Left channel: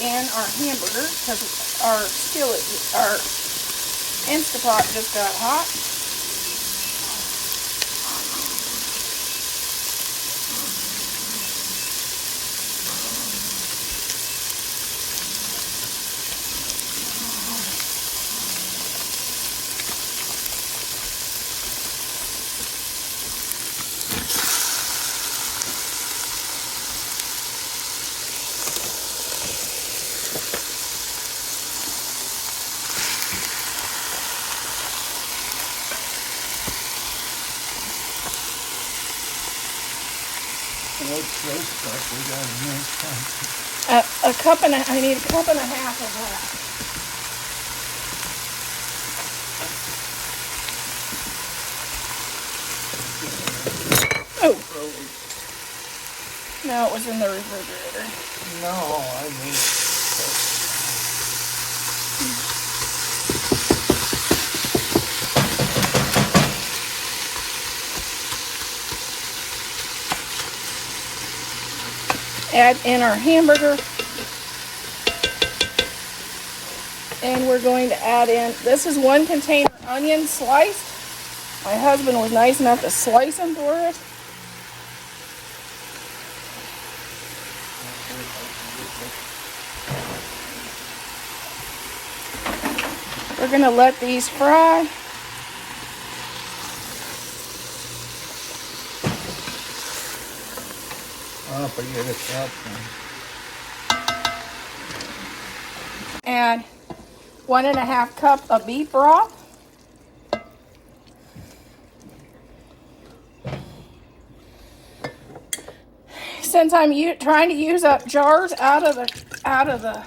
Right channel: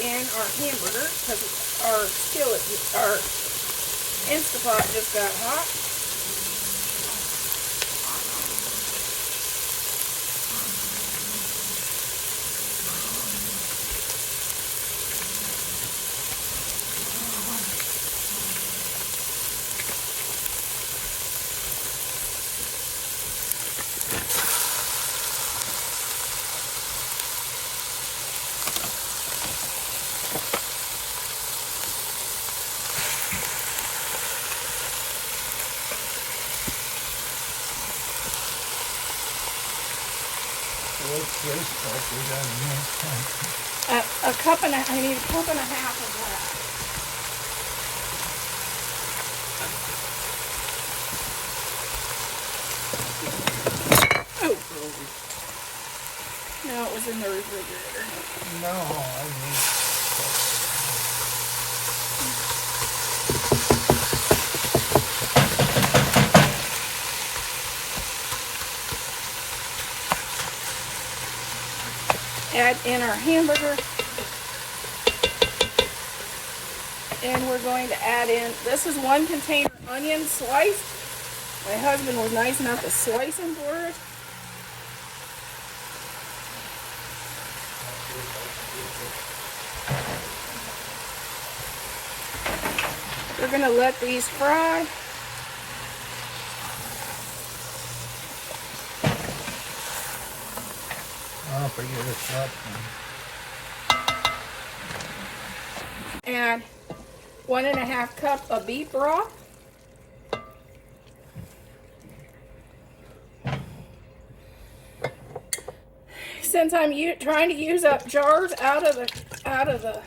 in our hamburger because our skillet, our Instant Pot just got hot. A cup and I need a cup and a half of that. Oh. No, it was in the refrigerator. Add in our hamburger. And we're going to add in, this is 1 container onion sliced. My husband was nice enough to slice them for us. We're going to let these fry. Add 1.5 cups of beef broth. Since I'm trying to use up jars out of the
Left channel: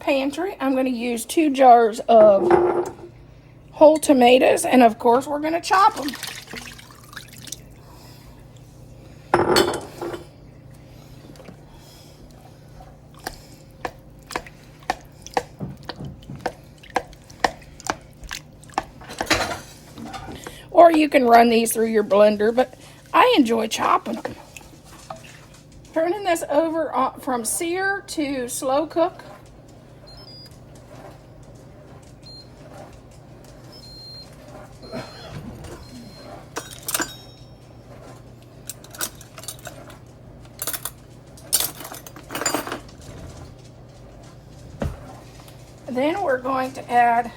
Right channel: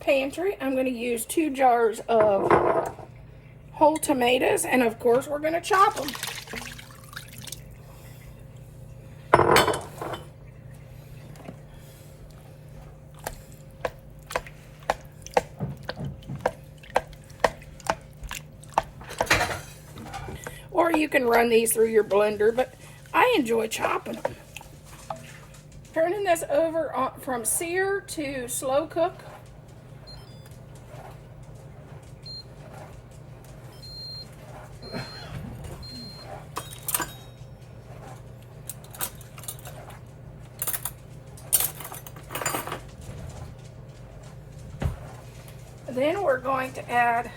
pantry, I'm going to use 2 jars of whole tomatoes, and of course we're going to chop them. Or you can run these through your blender, but I enjoy chopping them. Turning this over from sear to slow cook. Then we're going to add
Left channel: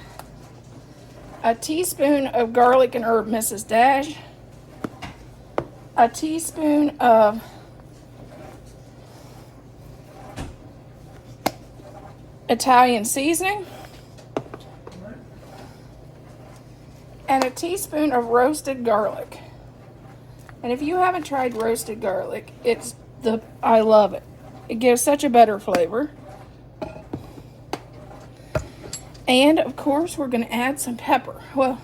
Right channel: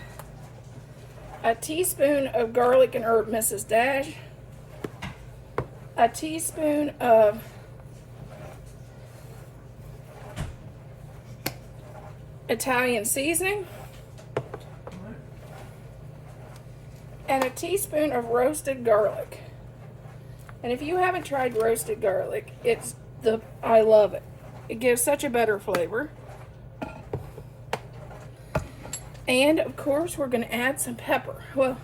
a teaspoon of garlic and herb Mrs. Dash, a teaspoon of Italian seasoning, and a teaspoon of roasted garlic. And if you haven't tried roasted garlic, I love it. It gives such a better flavor. And of course, we're going to add some pepper. Well,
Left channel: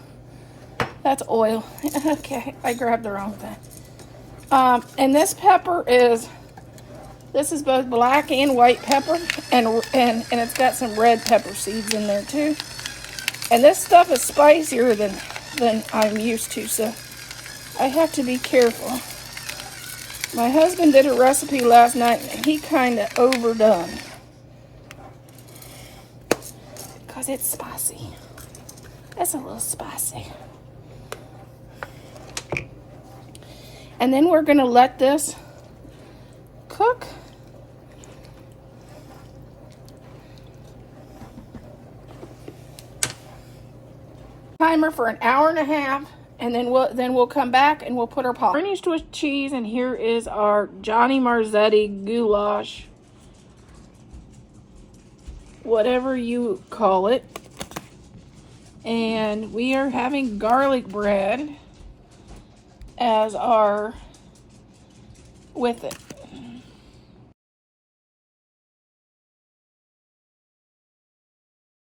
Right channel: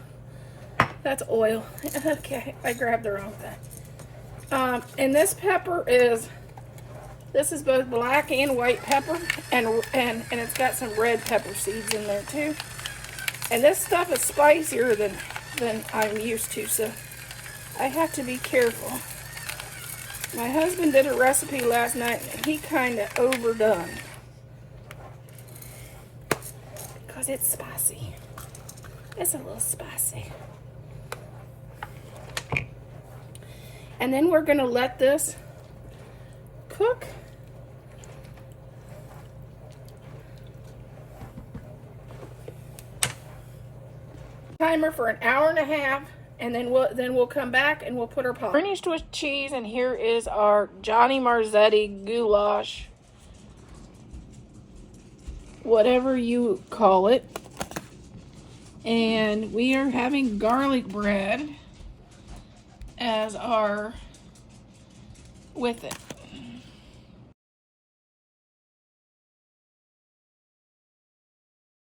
that's oil. Okay, I grabbed the wrong thing. And this pepper is both black and white pepper, and it's got some red pepper seeds in there too. And this stuff is spicier than I'm used to, so I have to be careful. My husband did a recipe last night, and he kind of overdone. Because it's spicy. It's a little spicy. And then we're going to let this cook. Timer for 1.5 hours, and then we'll come back and we'll put our pot. Bernie's Swiss cheese, and here is our Johny Marzzeti goulash. Whatever you call it. And we are having garlic bread as our with it.